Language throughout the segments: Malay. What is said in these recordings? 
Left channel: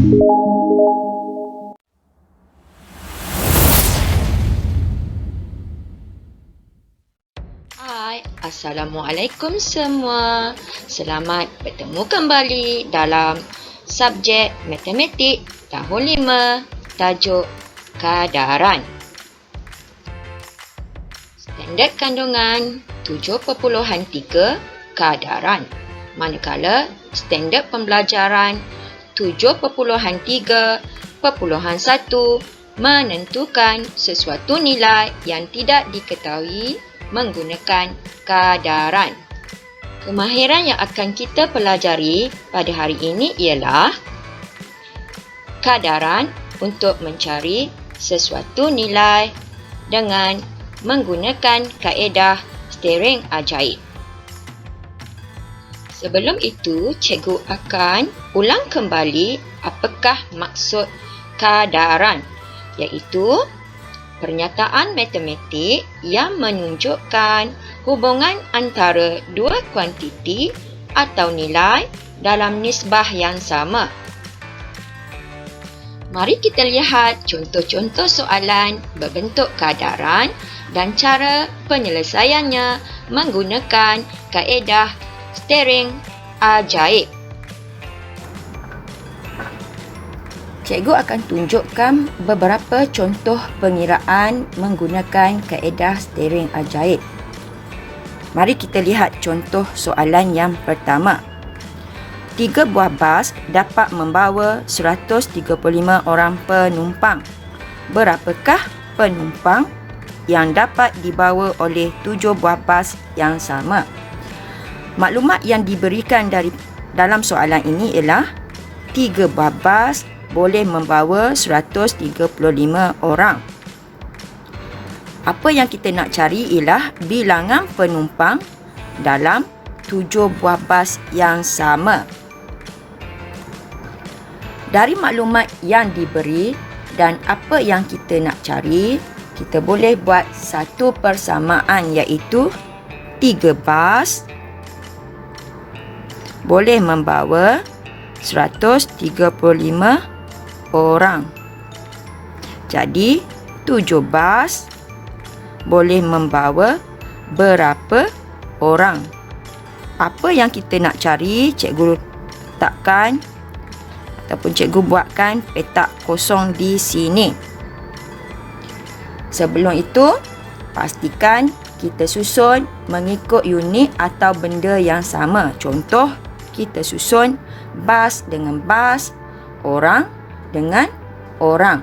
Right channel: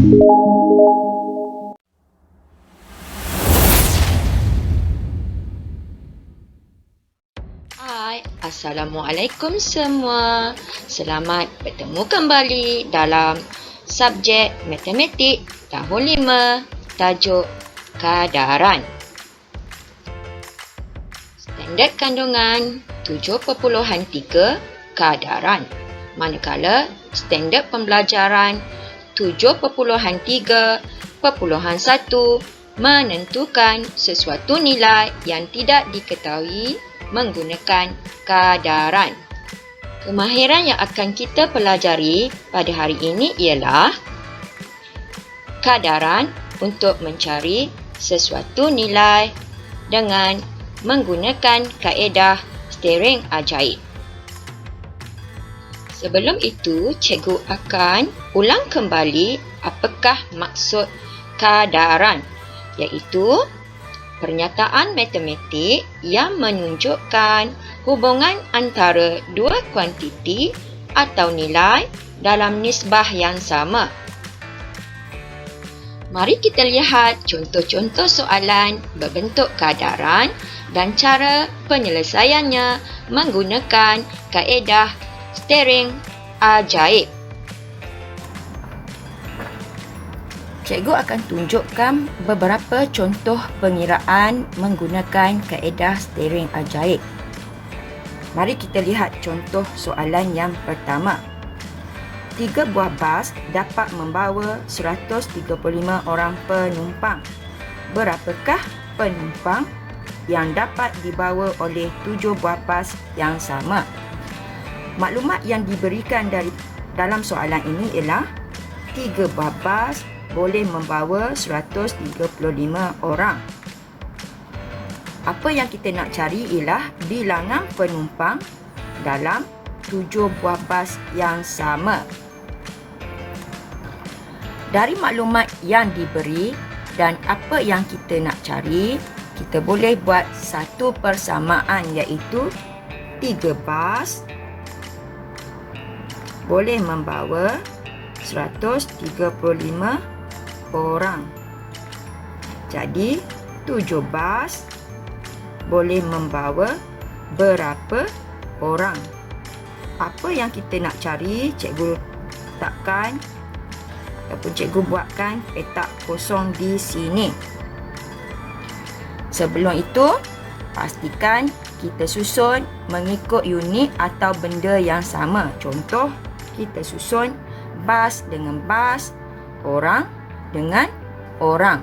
Hai, Assalamualaikum semua. Selamat bertemu kembali dalam subjek Matematik tahun 5, tajuk Kadaran. Standard kandungan 7.3 Kadaran. Manakala standard pembelajaran 7.3.1 menentukan sesuatu nilai yang tidak diketahui menggunakan kadaran. Kemahiran yang akan kita pelajari pada hari ini ialah kadaran untuk mencari sesuatu nilai dengan menggunakan kaedah steering ajaib. Sebelum itu, cikgu akan ulang kembali apakah maksud kadaran, iaitu pernyataan matematik yang menunjukkan hubungan antara dua kuantiti atau nilai dalam nisbah yang sama. Mari kita lihat contoh-contoh soalan berbentuk kadaran dan cara penyelesaiannya menggunakan kaedah steering ajaib. Cikgu akan tunjukkan beberapa contoh pengiraan menggunakan kaedah steering ajaib. Mari kita lihat contoh soalan yang pertama. 3 buah bas dapat membawa 135 orang penumpang. Berapakah penumpang yang dapat dibawa oleh 7 buah bas yang sama? Maklumat yang diberikan dalam soalan ini ialah 3 buah bas boleh membawa 135 orang. Apa yang kita nak cari ialah bilangan penumpang dalam 7 buah bas yang sama. Dari maklumat yang diberi dan apa yang kita nak cari, kita boleh buat satu persamaan, iaitu 3 bas boleh membawa 135 orang. Jadi 7 bas boleh membawa berapa orang? Apa yang kita nak cari, cikgu letakkan ataupun cikgu buatkan petak kosong di sini. Sebelum itu, pastikan kita susun mengikut unit atau benda yang sama. Contoh, kita susun bas dengan bas, orang dengan orang.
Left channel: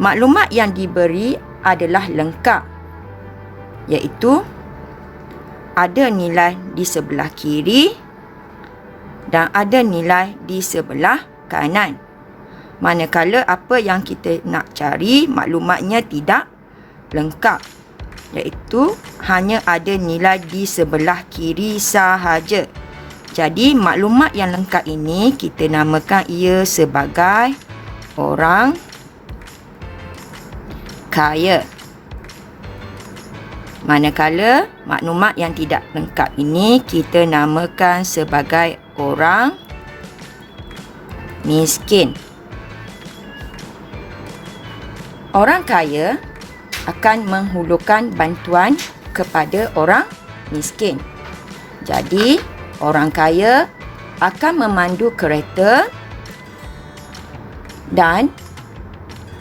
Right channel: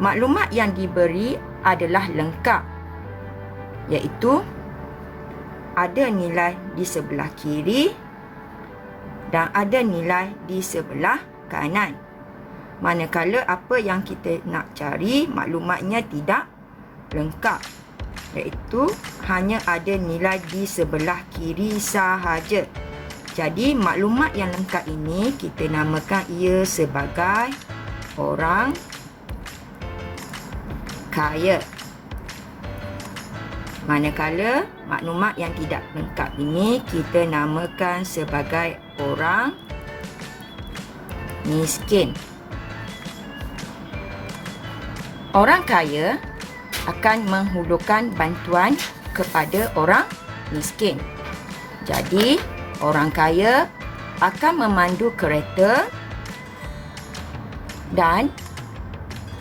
Maklumat yang diberi adalah lengkap, iaitu ada nilai di sebelah kiri dan ada nilai di sebelah kanan. Manakala apa yang kita nak cari, maklumatnya tidak lengkap, iaitu hanya ada nilai di sebelah kiri sahaja. Jadi maklumat yang lengkap ini kita namakan ia sebagai orang kaya. Manakala maklumat yang tidak lengkap ini kita namakan sebagai orang miskin. Orang kaya akan menghulurkan bantuan kepada orang miskin. Jadi orang kaya akan memandu kereta dan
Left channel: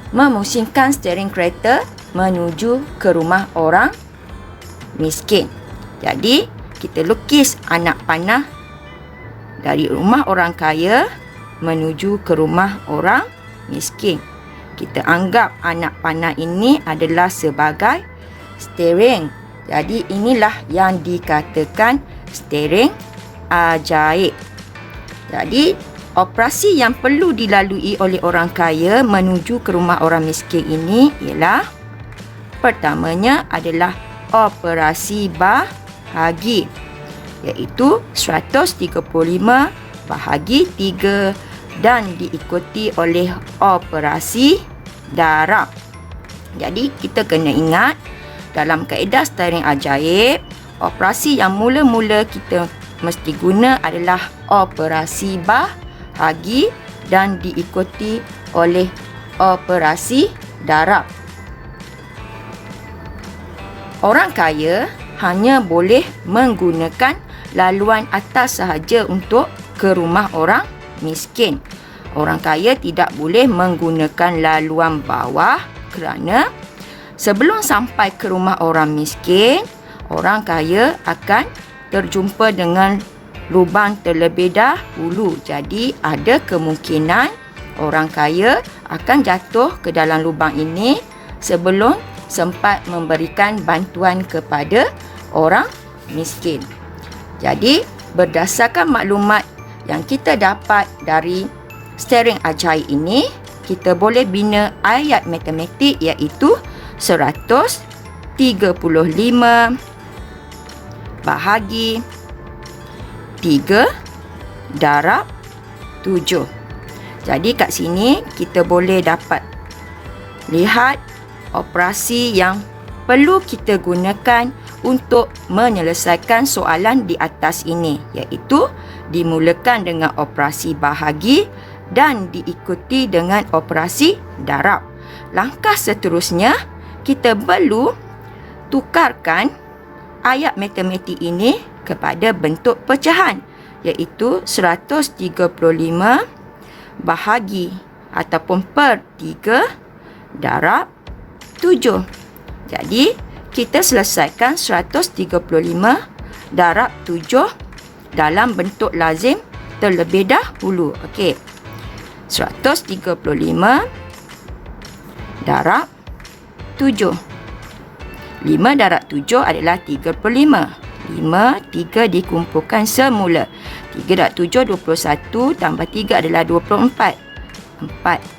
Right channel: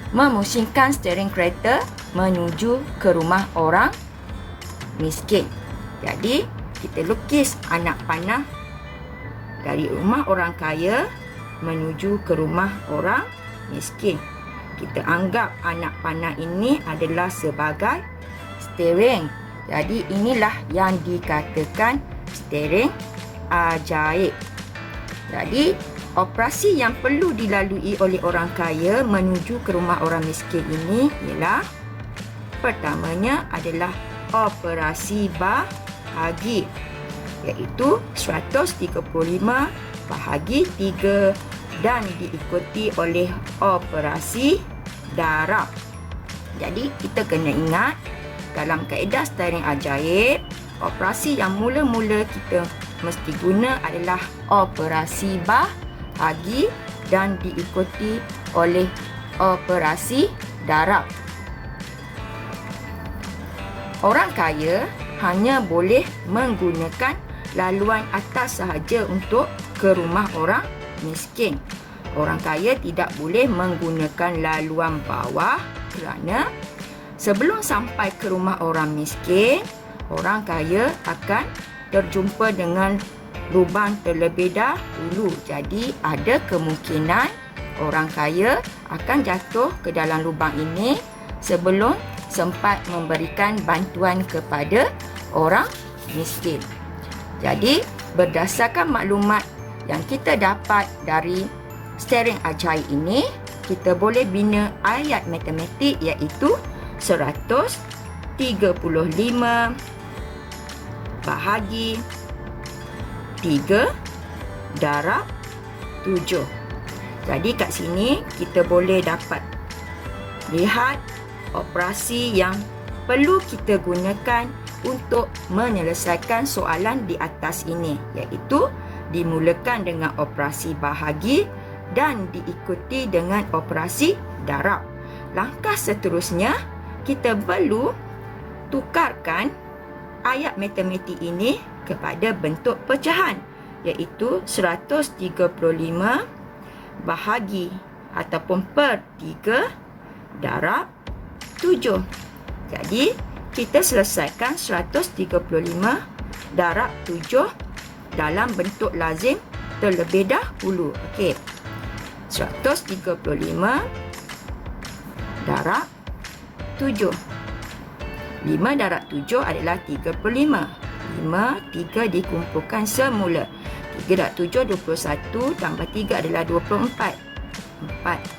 memusingkan steering kereta menuju ke rumah orang miskin. Jadi, kita lukis anak panah dari rumah orang kaya menuju ke rumah orang miskin. Kita anggap anak panah ini adalah sebagai steering. Jadi, inilah yang dikatakan steering ajaib. Jadi, operasi yang perlu dilalui oleh orang kaya menuju ke rumah orang miskin ini ialah pertamanya adalah operasi bahagi, iaitu 135 bahagi 3 dan diikuti oleh operasi darab. Jadi kita kena ingat dalam kaedah steering ajaib, operasi yang mula-mula kita mesti guna adalah operasi bahagi dan diikuti oleh operasi darab. Orang kaya hanya boleh menggunakan laluan atas sahaja untuk ke rumah orang miskin. Orang kaya tidak boleh menggunakan laluan bawah kerana sebelum sampai ke rumah orang miskin, orang kaya akan terjumpa dengan lubang terlebih dahulu. Jadi ada kemungkinan orang kaya akan jatuh ke dalam lubang ini sebelum sempat memberikan bantuan kepada orang miskin. Jadi berdasarkan maklumat yang kita dapat dari steering ajaib ini, kita boleh bina ayat matematik iaitu 135 bahagi 3 darab 7. Jadi kat sini kita boleh dapat lihat operasi yang perlu kita gunakan untuk menyelesaikan soalan di atas ini, iaitu dimulakan dengan operasi bahagi dan diikuti dengan operasi darab. Langkah seterusnya, kita perlu tukarkan ayat matematik ini kepada bentuk pecahan, iaitu 135 bahagi ataupun per 3 darab 7. Jadi kita selesaikan 135 darab 7 dalam bentuk lazim terlebih dahulu. Okey. 135 darab 7. 5 darab 7 adalah 35. 3 dikumpulkan semula. 3 darab 7, 21 tambah 3 adalah 24.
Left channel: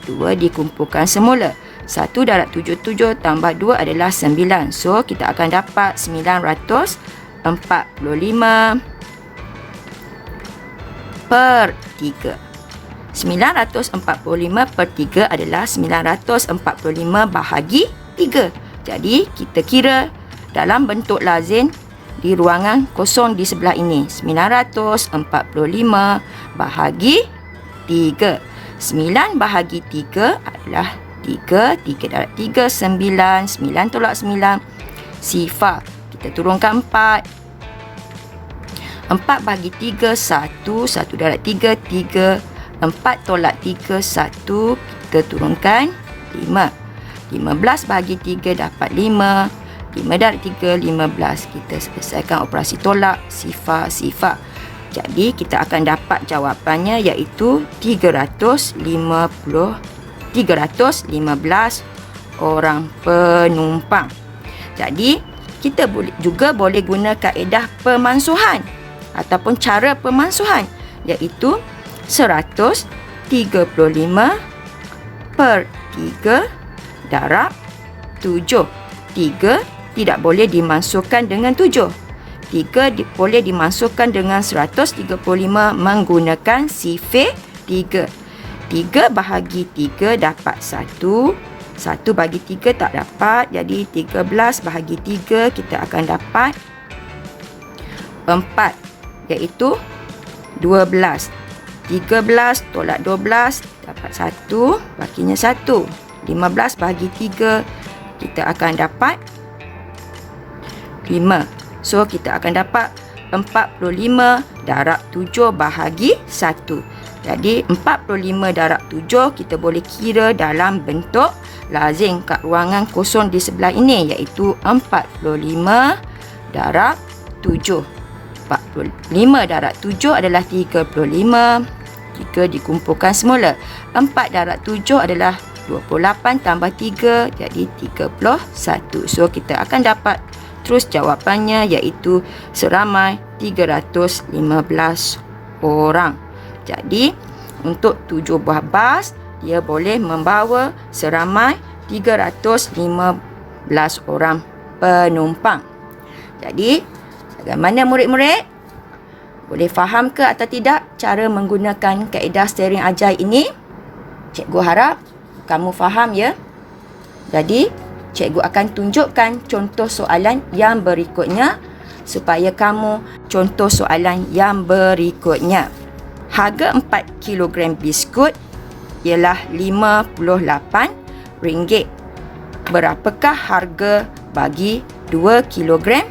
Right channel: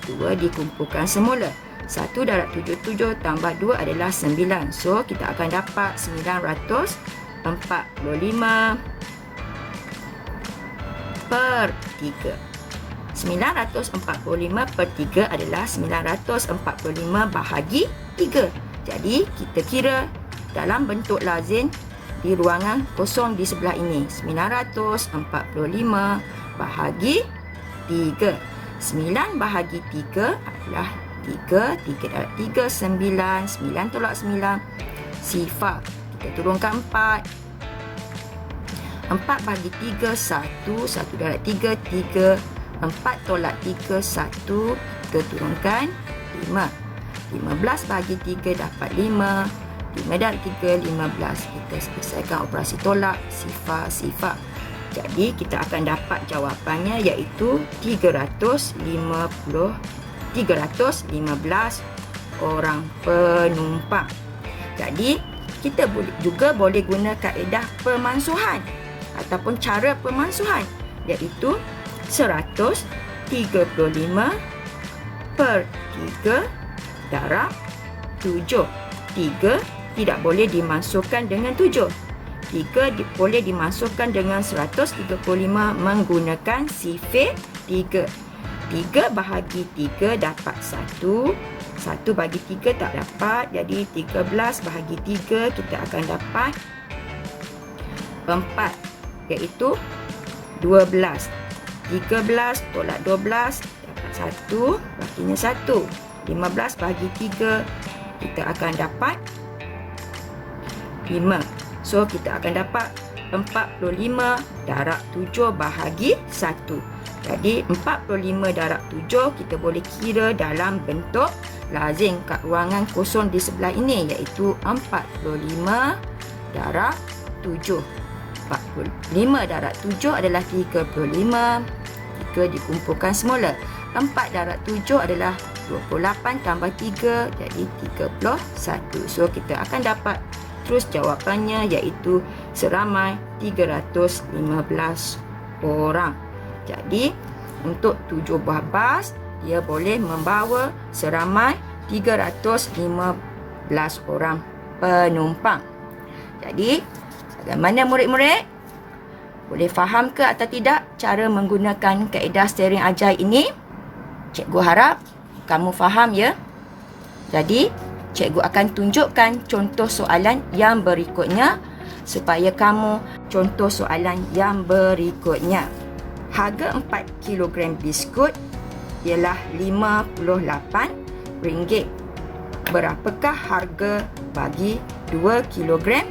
2 dikumpulkan semula. 1 darab 77 tambah 2 adalah 9. So, kita akan dapat 945 per 3. 945 per 3 adalah 945 bahagi 3. Jadi, kita kira dalam bentuk lazim di ruangan kosong di sebelah ini. 945 bahagi 3. 9 bahagi 3 adalah 3. 3 darab 3, 9. 9 tolak 9, sifar. Kita turunkan 4. 4 bahagi 3, 1. 1 darab 3, 3. 4 tolak 3, 1. Kita turunkan 5. 15 bahagi 3 dapat 5. 5 darab 3, 15. Kita selesaikan operasi tolak, sifar. Jadi kita akan dapat jawapannya iaitu 315 orang penumpang. Jadi kita juga boleh guna kaedah pemansuhan ataupun cara pemansuhan, iaitu 135 per 3 darab 7. 3 tidak boleh dimasukkan dengan 7. 3 boleh dimasukkan dengan 135 menggunakan sifir 3. 3 bahagi 3 dapat 1. 1 bagi 3 tak dapat. Jadi 13 bahagi 3 kita akan dapat 4, iaitu 12. 13 tolak 12 dapat 1, bakinya 1. 15 bahagi 3 kita akan dapat 5. So kita akan dapat 45 darab 7 bahagi 1. Jadi 45 darab 7 kita boleh kira dalam bentuk lazim kat ruangan kosong di sebelah ini, iaitu 45 darab 7. 45 darab 7 adalah 35. 3 dikumpulkan semula. 4 darab 7 adalah 28 tambah 3, jadi 31. So kita akan dapat terus jawapannya, iaitu seramai 315 orang. Jadi untuk 7 buah bas, dia boleh membawa seramai 315 orang penumpang. Jadi bagaimana murid-murid? Boleh faham ke atau tidak cara menggunakan kaedah steering ajaib ini? Cikgu harap kamu faham ya. Jadi cikgu akan tunjukkan contoh soalan yang berikutnya supaya kamu contoh soalan yang berikutnya. Harga 4 kg biskut ialah RM58. Berapakah harga bagi 2 kilogram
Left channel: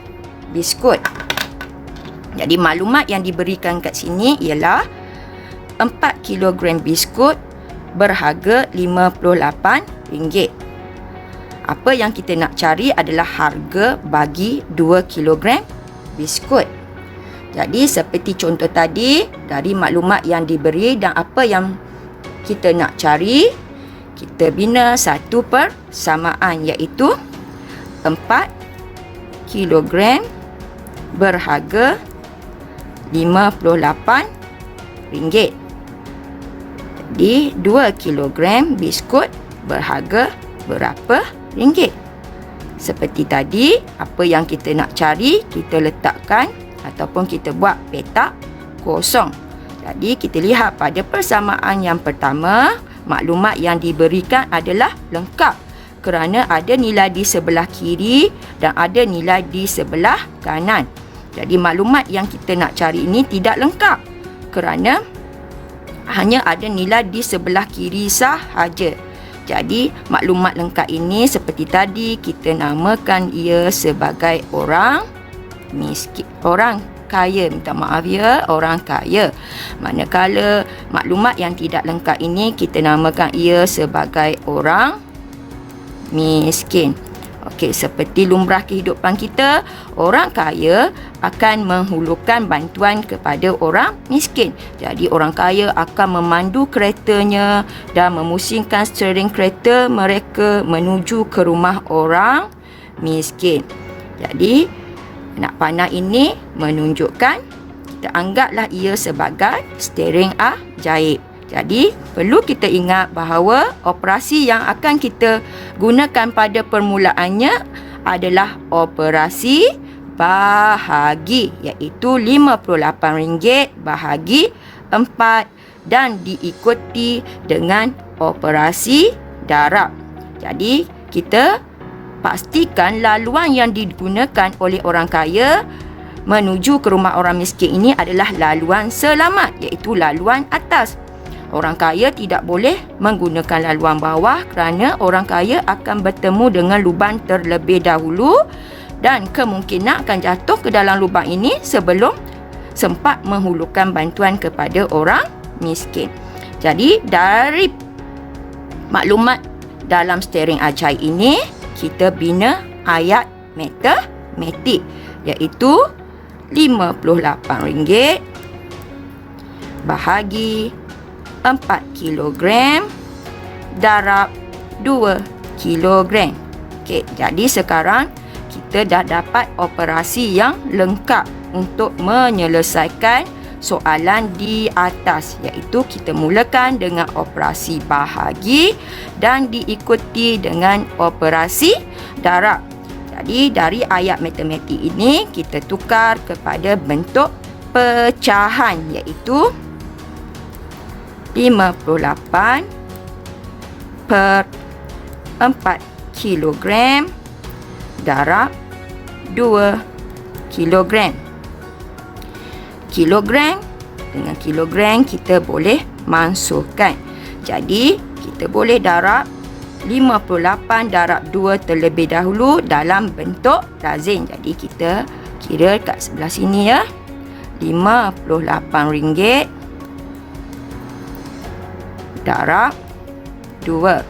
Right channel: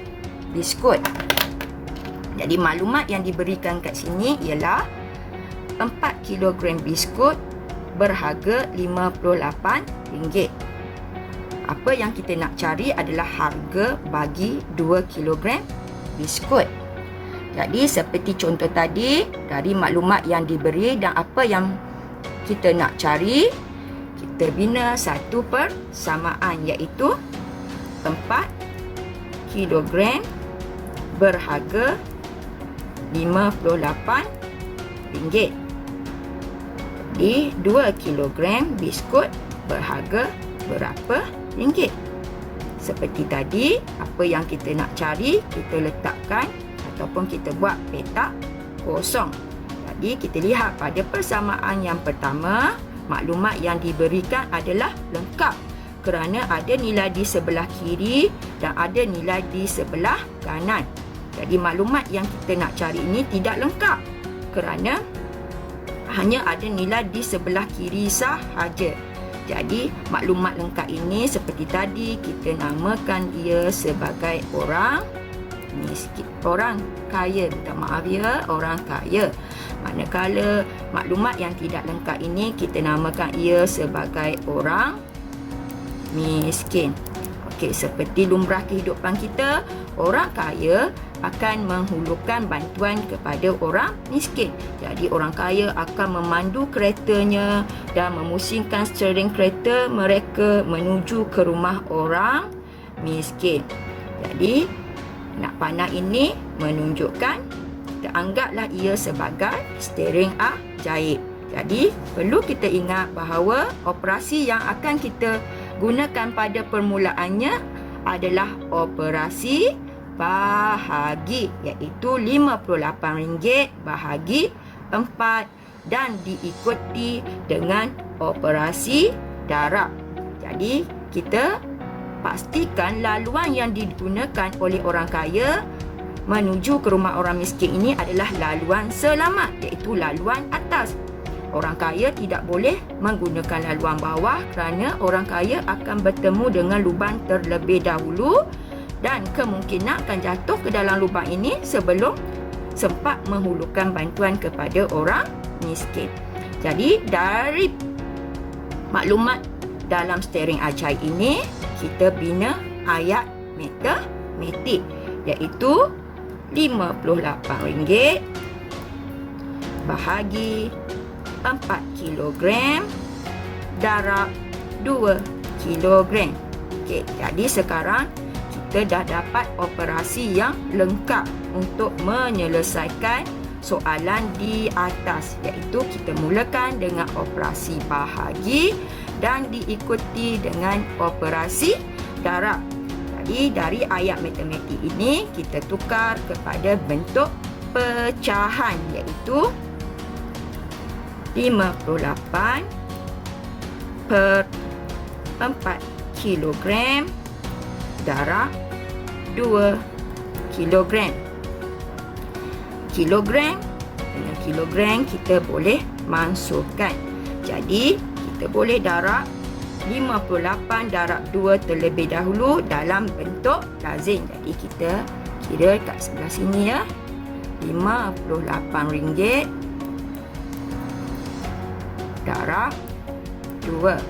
biskut? Jadi maklumat yang diberikan kat sini ialah 4 kilogram biskut berharga RM58. Apa yang kita nak cari adalah harga bagi 2 kilogram biskut. Jadi seperti contoh tadi, dari maklumat yang diberi dan apa yang kita nak cari, kita bina satu persamaan, iaitu 4 kilogram berharga RM58. Jadi 2 kilogram biskut berharga berapa ringgit? Seperti tadi, apa yang kita nak cari, kita letakkan ataupun kita buat petak kosong. Jadi kita lihat pada persamaan yang pertama, maklumat yang diberikan adalah lengkap kerana ada nilai di sebelah kiri dan ada nilai di sebelah kanan. Jadi maklumat yang kita nak cari ini tidak lengkap kerana hanya ada nilai di sebelah kiri sahaja. Jadi maklumat lengkap ini seperti tadi, kita namakan ia sebagai orang miskin, orang kaya, minta maaf ya, orang kaya. Manakala maklumat yang tidak lengkap ini kita namakan ia sebagai orang miskin. Okey, seperti lumrah kehidupan kita, orang kaya akan menghulurkan bantuan kepada orang miskin. Jadi orang kaya akan memandu keretanya dan memusingkan steering kereta mereka menuju ke rumah orang miskin. Jadi nak panah ini menunjukkan, kita anggaplah ia sebagai steering ajaib. Jadi perlu kita ingat bahawa operasi yang akan kita gunakan pada permulaannya adalah operasi bahagi, iaitu RM58 bahagi 4 dan diikuti dengan operasi darab. Jadi kita pastikan laluan yang digunakan oleh orang kaya menuju ke rumah orang miskin ini adalah laluan selamat, iaitu laluan atas. Orang kaya tidak boleh menggunakan laluan bawah kerana orang kaya akan bertemu dengan lubang terlebih dahulu dan kemungkinan akan jatuh ke dalam lubang ini sebelum sempat menghulurkan bantuan kepada orang miskin. Jadi dari maklumat dalam steering ajaib ini, kita bina ayat matematik, iaitu RM58 bahagi 4 kilogram darab 2 kilogram. Okey, jadi sekarang kita dah dapat operasi yang lengkap untuk menyelesaikan soalan di atas, iaitu kita mulakan dengan operasi bahagi dan diikuti dengan operasi darab. Jadi dari ayat matematik ini kita tukar kepada bentuk pecahan, iaitu 58 per 4 kilogram darab 2 kilogram. Kilogram dengan kilogram kita boleh masukkan. Jadi kita boleh darab 58 darab 2 terlebih dahulu dalam bentuk lazim. Jadi kita kira kat sebelah sini ya. RM58 darab 2.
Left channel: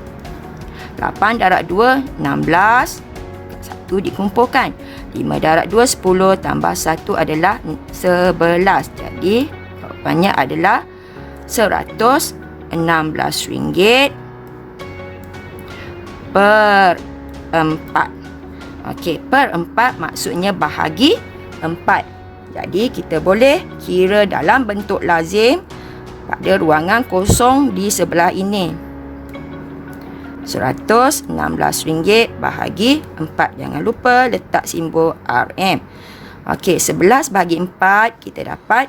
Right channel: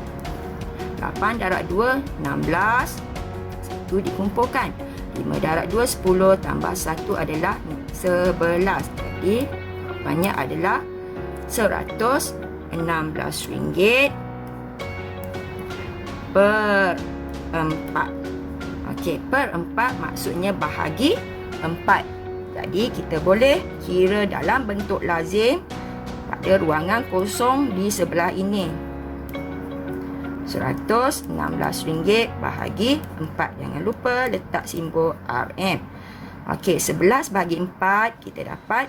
8 darab 2, 16. 1 dikumpulkan. 5 darab 2, 10 tambah 1 adalah 11. Jadi jawapannya adalah RM116 per 4. Okey, per 4 maksudnya bahagi 4. Jadi kita boleh kira dalam bentuk lazim pada ruangan kosong di sebelah ini. RM116 bahagi 4. Jangan lupa letak simbol RM. Okey, 11 bahagi 4 kita dapat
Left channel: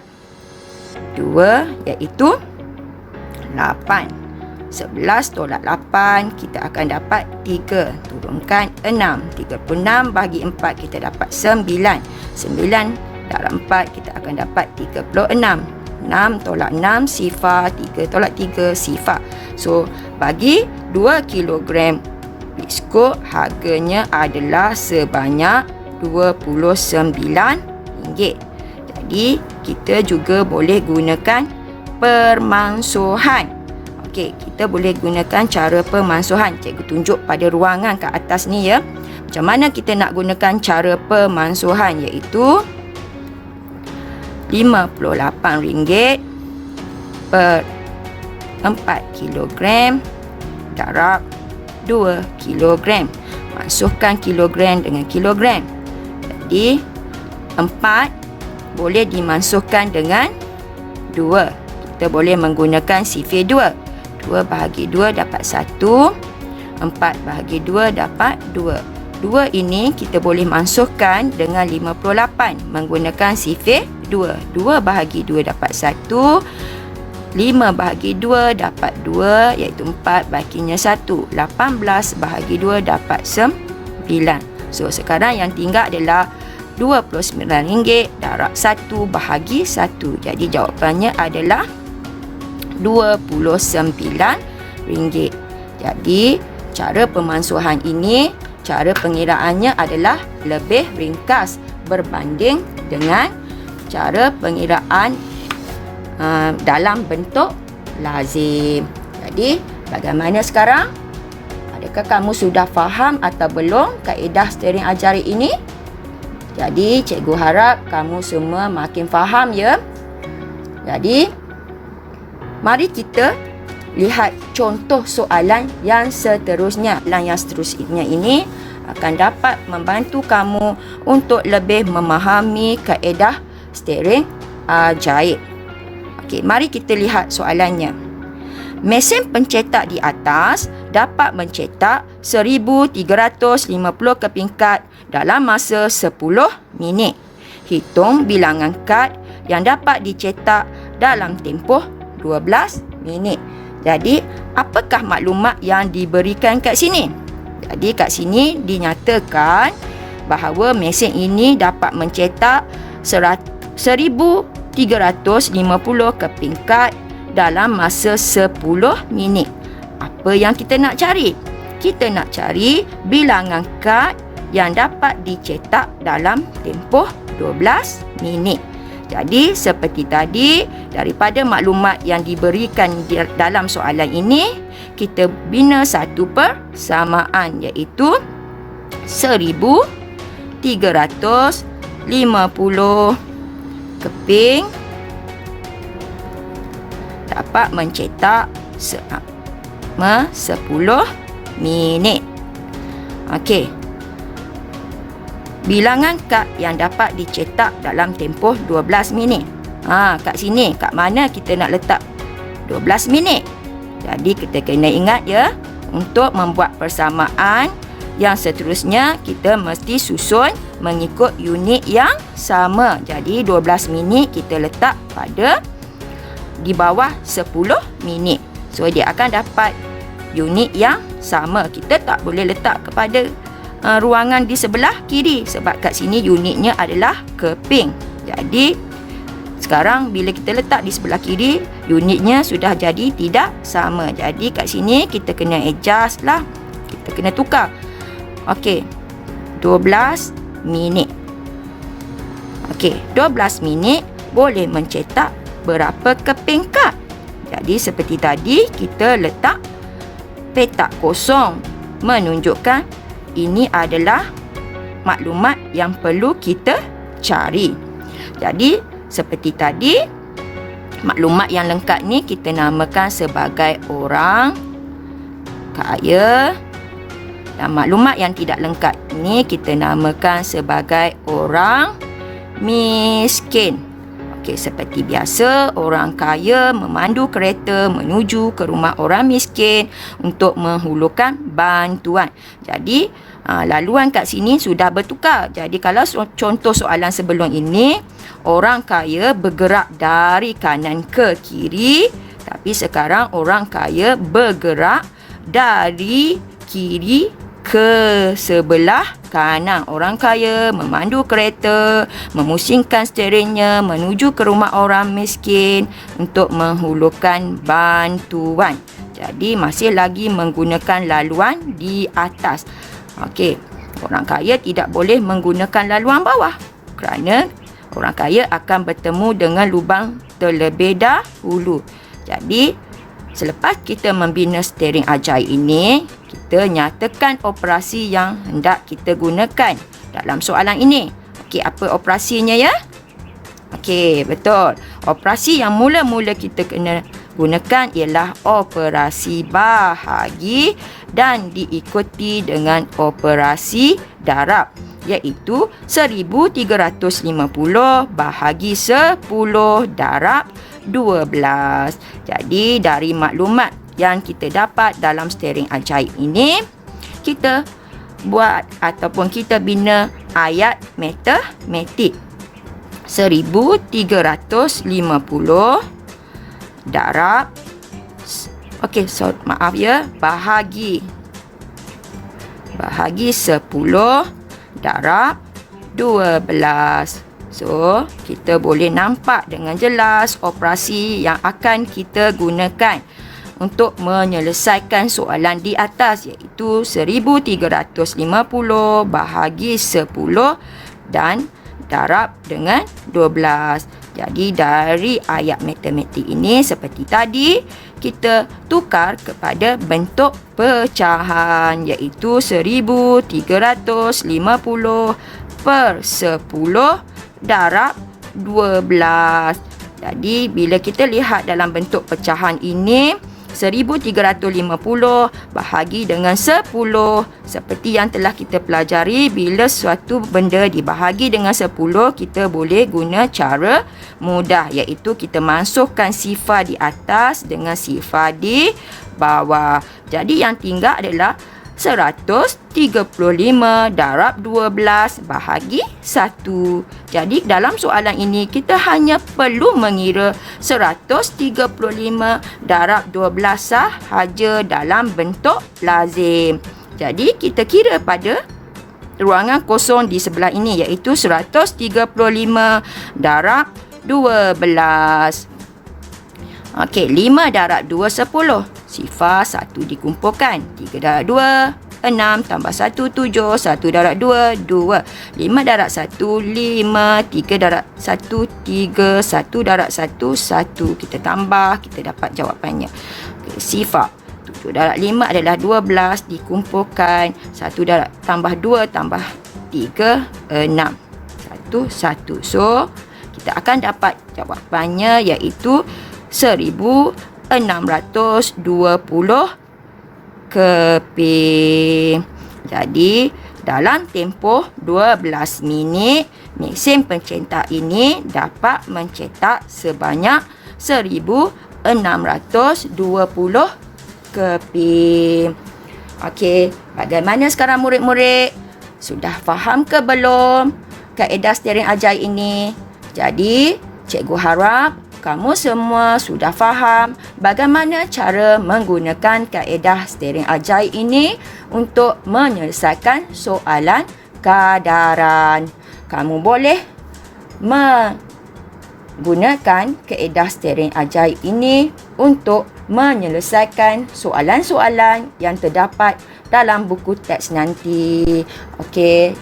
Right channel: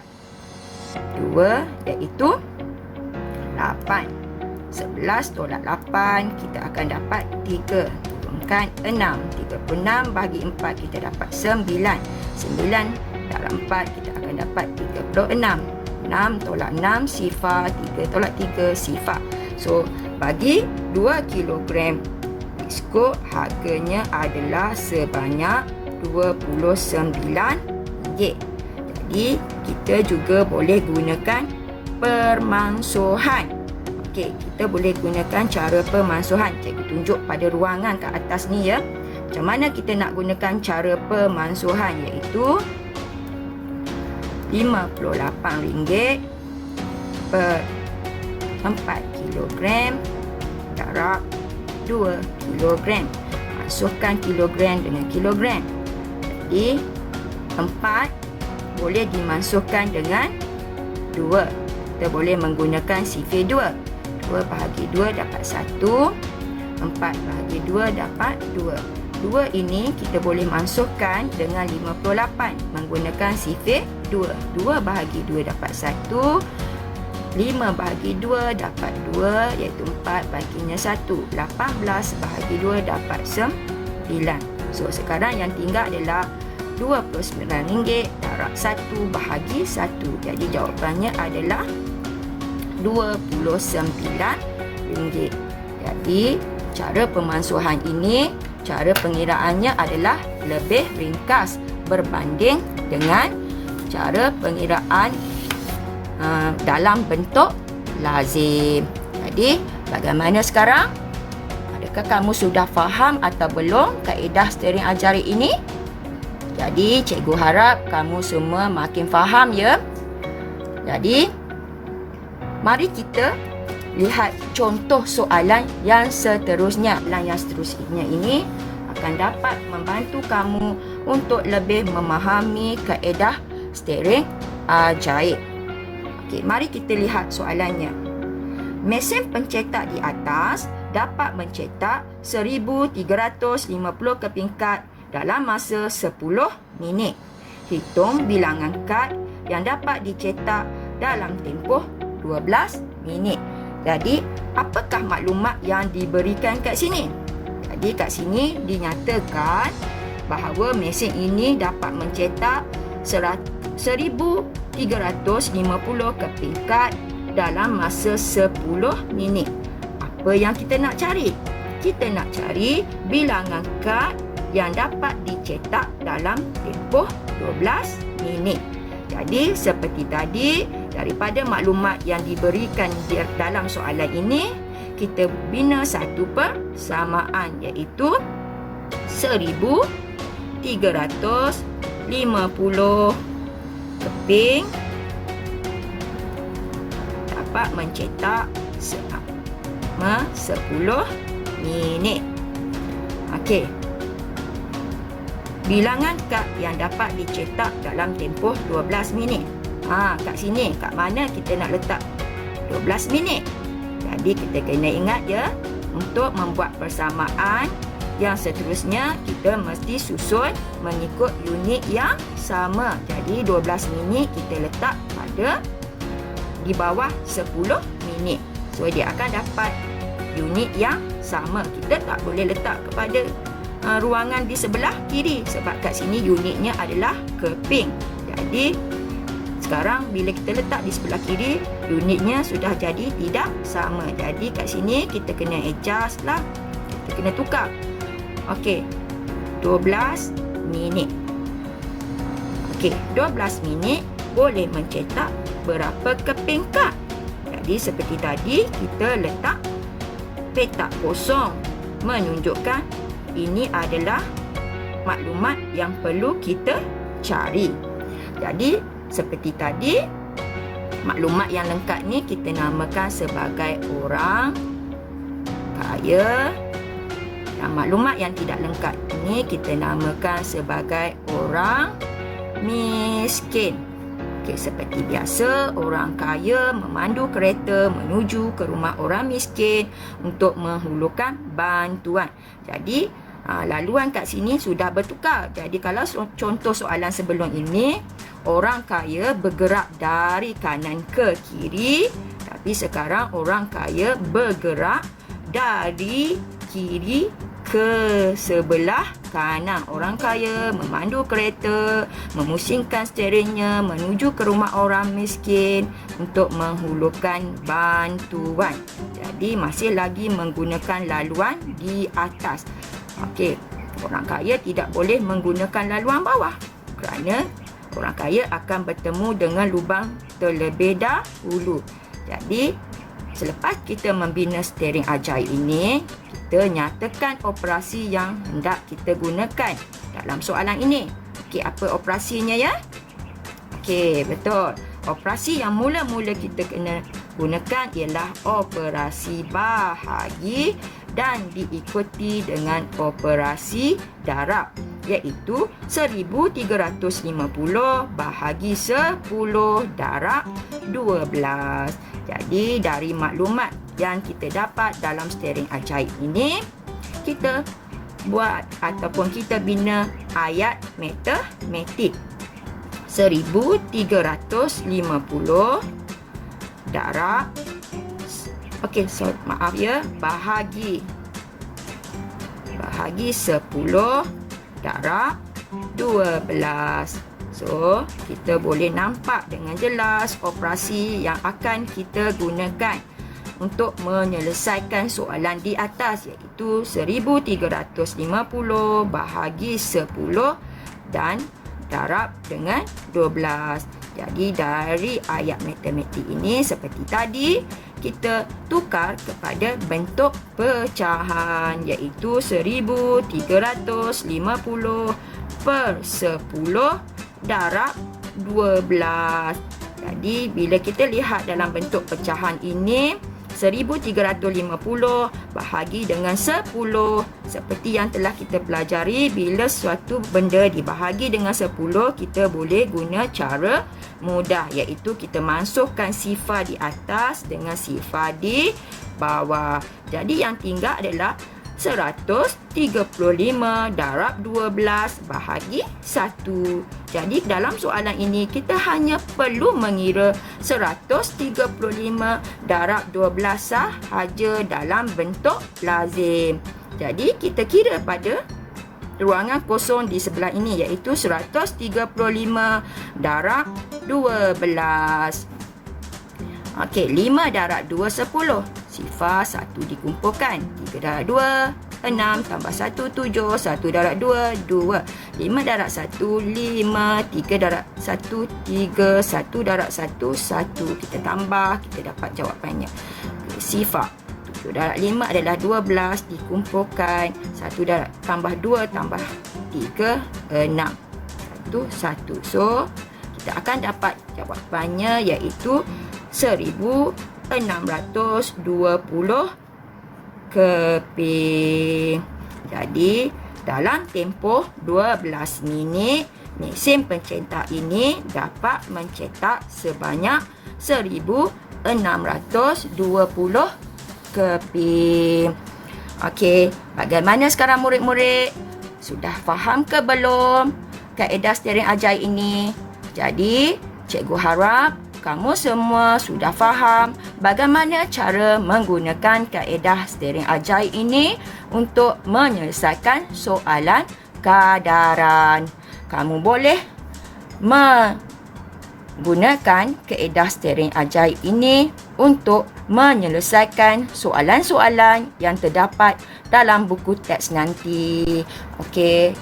2, iaitu 8. 11 tolak 8 kita akan dapat 3. Turunkan 6. 36 bahagi 4 kita dapat 9. 9 dalam 4 kita akan dapat 36. 6 tolak 6 sifar, 3 tolak 3 sifar. So, bagi 2 kilogram biskut harganya adalah sebanyak RM29. Jadi, kita juga boleh gunakan permansuhan. Okey, kita boleh gunakan cara pemansuhan. Cikgu tunjuk pada ruangan kat atas ni ya. Macam mana kita nak gunakan cara pemansuhan, iaitu RM58 per 4 kilogram darab 2 kilogram. Mansuhkan kilogram dengan kilogram. Jadi 4 boleh dimansuhkan dengan 2. Kita boleh menggunakan sifir 2. 2 bahagi 2 dapat 1. 4 bahagi 2 dapat 2. 2 ini kita boleh mansuhkan dengan 58 menggunakan sifir 2. 2 bahagi 2 dapat 1. 5 bahagi 2 dapat 2, iaitu 4 bahaginya 1. 18 bahagi 2 dapat 9. So, sekarang yang tinggal adalah RM29 darab 1 bahagi 1. Jadi, jawapannya adalah RM29. Jadi, cara pemansuhan ini, cara pengiraannya adalah lebih ringkas berbanding dengan cara pengiraan dalam bentuk lazim. Jadi, bagaimana sekarang? Adakah kamu sudah faham atau belum kaedah steering ajaran ini? Jadi, cikgu harap kamu semua makin faham ya. Jadi, mari kita lihat contoh soalan yang seterusnya. Soalan yang seterusnya ini akan dapat membantu kamu untuk lebih memahami kaedah steering ajaib. Okey, mari kita lihat soalannya. Mesin pencetak di atas dapat mencetak 1350 kepingkat dalam masa 10 minit. Hitung bilangan kad yang dapat dicetak dalam tempoh 12 minit. Jadi, apakah maklumat yang diberikan kat sini? Jadi, kat sini dinyatakan bahawa mesin ini dapat mencetak 1350 kepingkat dalam masa 10 minit. Apa yang kita nak cari? Kita nak cari bilangan kad yang dapat dicetak dalam tempoh 12 minit. Jadi, seperti tadi, daripada maklumat yang diberikan dalam soalan ini, kita bina satu persamaan, iaitu 1350 keping dapat mencetak selama 10 minit. Okey. Bilangan kad yang dapat dicetak dalam tempoh 12 minit. Kat sini, kat mana kita nak letak 12 minit? Jadi, kita kena ingat ya, untuk membuat persamaan yang seterusnya, kita mesti susun mengikut unit yang sama. Jadi, 12 minit kita letak pada di bawah 10 minit. So, dia akan dapat unit yang sama. Kita tak boleh letak kepada ruangan di sebelah kiri sebab kat sini unitnya adalah keping. Jadi, sekarang bila kita letak di sebelah kiri, unitnya sudah jadi tidak sama. Jadi, kat sini kita kena adjust lah. Kita kena tukar. Okey, 12 minit. Okey, 12 minit boleh mencetak berapa keping kad? Jadi, seperti tadi, kita letak petak kosong menunjukkan ini adalah maklumat yang perlu kita cari. Jadi, seperti tadi, maklumat yang lengkap ni kita namakan sebagai orang kaya. Dan maklumat yang tidak lengkap ni kita namakan sebagai orang miskin. Okey, seperti biasa, orang kaya memandu kereta menuju ke rumah orang miskin untuk menghulurkan bantuan. Jadi, laluan kat sini sudah bertukar. Jadi, kalau contoh soalan sebelum ini, orang kaya bergerak dari kanan ke kiri. Tapi sekarang orang kaya bergerak dari kiri ke sebelah kanan. Orang kaya memandu kereta, memusingkan steeringnya menuju ke rumah orang miskin untuk menghulurkan bantuan. Jadi masih lagi menggunakan laluan di atas. Okey, orang kaya tidak boleh menggunakan laluan bawah kerana orang kaya akan bertemu dengan lubang terlebih dahulu. Jadi selepas kita membina steering ajaib ini, kita nyatakan operasi yang hendak kita gunakan dalam soalan ini. Okey, apa operasinya ya? Okey, betul. Operasi yang mula-mula kita kena gunakan ialah operasi bahagi dan diikuti dengan operasi darab, iaitu 1350 bahagi 10 darab 12. Jadi dari maklumat yang kita dapat dalam steering ajaib ini, kita buat ataupun kita bina ayat matematik. 1350 darab bahagi 10 darab 12. So, kita boleh nampak dengan jelas operasi yang akan kita gunakan untuk menyelesaikan soalan di atas, iaitu 1350 bahagi 10 dan darab dengan 12. Jadi dari ayat matematik ini seperti tadi, kita tukar kepada bentuk pecahan, iaitu 1350 per 10 darab 12. Jadi bila kita lihat dalam bentuk pecahan ini, 1350 bahagi dengan 10. Seperti yang telah kita pelajari, bila suatu benda dibahagi dengan 10, kita boleh guna cara mudah, iaitu kita masukkan sifar di atas dengan sifar di bawah. Jadi yang tinggal adalah 135 darab 12 bahagi 1. Jadi dalam soalan ini kita hanya perlu mengira 135 darab 12 sahaja dalam bentuk lazim. Jadi kita kira pada ruangan kosong di sebelah ini, iaitu 135 darab 12. Okey, 5 darab 2 10. Sifar 1 dikumpulkan. 3 darab 2 6 tambah 1 7. 1 darab 2 2. 5 darab 1 5. 3 darab 1 3. 1 darab 1 1. Kita tambah, kita dapat jawapannya. Okay, sifar 7 darab 5 adalah 12 dikumpulkan. 1 darab tambah 2 tambah 3 6. 1 1. So kita akan dapat jawapannya, iaitu 1620 keping. Jadi dalam tempoh 12 minit, mesin pencetak ini dapat mencetak sebanyak 1620 keping. Okey, bagaimana sekarang murid-murid? Sudah faham ke belum kaedah steering ajaib ini? Jadi, cikgu harap kamu semua sudah faham bagaimana cara menggunakan kaedah steering ajaib ini untuk menyelesaikan soalan kadaran. Kamu boleh menggunakan kaedah steering ajaib ini untuk menyelesaikan soalan-soalan yang terdapat dalam buku teks nanti. Okey,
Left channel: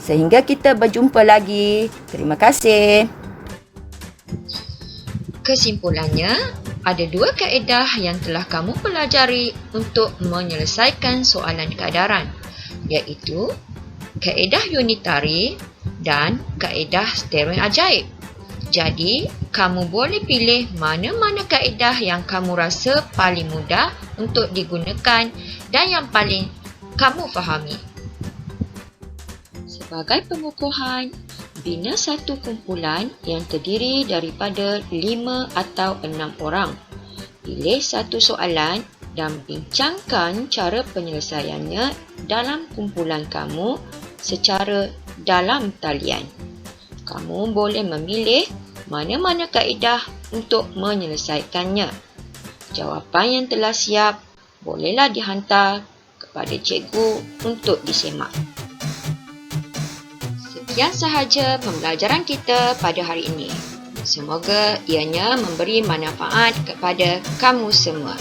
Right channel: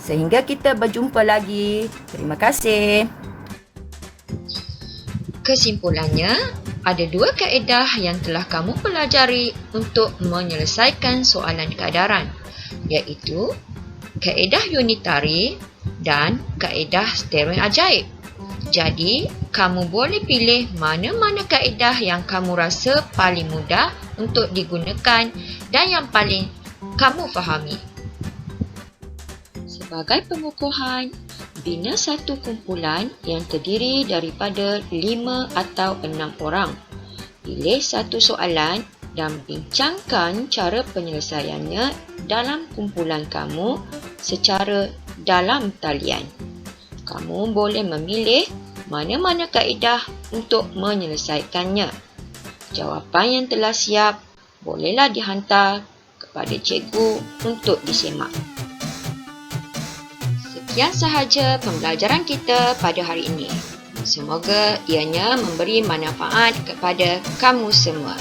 sehingga kita berjumpa lagi. Terima kasih. Kesimpulannya, ada dua kaedah yang telah kamu pelajari untuk menyelesaikan soalan kadaran, iaitu kaedah unitari dan kaedah steering ajaib. Jadi, kamu boleh pilih mana-mana kaedah yang kamu rasa paling mudah untuk digunakan dan yang paling kamu fahami. Sebagai pengukuhan, bina satu kumpulan yang terdiri daripada 5 atau 6 orang. Pilih satu soalan dan bincangkan cara penyelesaiannya dalam kumpulan kamu secara dalam talian. Kamu boleh memilih mana-mana kaedah untuk menyelesaikannya. Jawapan yang telah siap bolehlah dihantar kepada cikgu untuk disemak. Sekian sahaja pembelajaran kita pada hari ini. Semoga ianya memberi manfaat kepada kamu semua.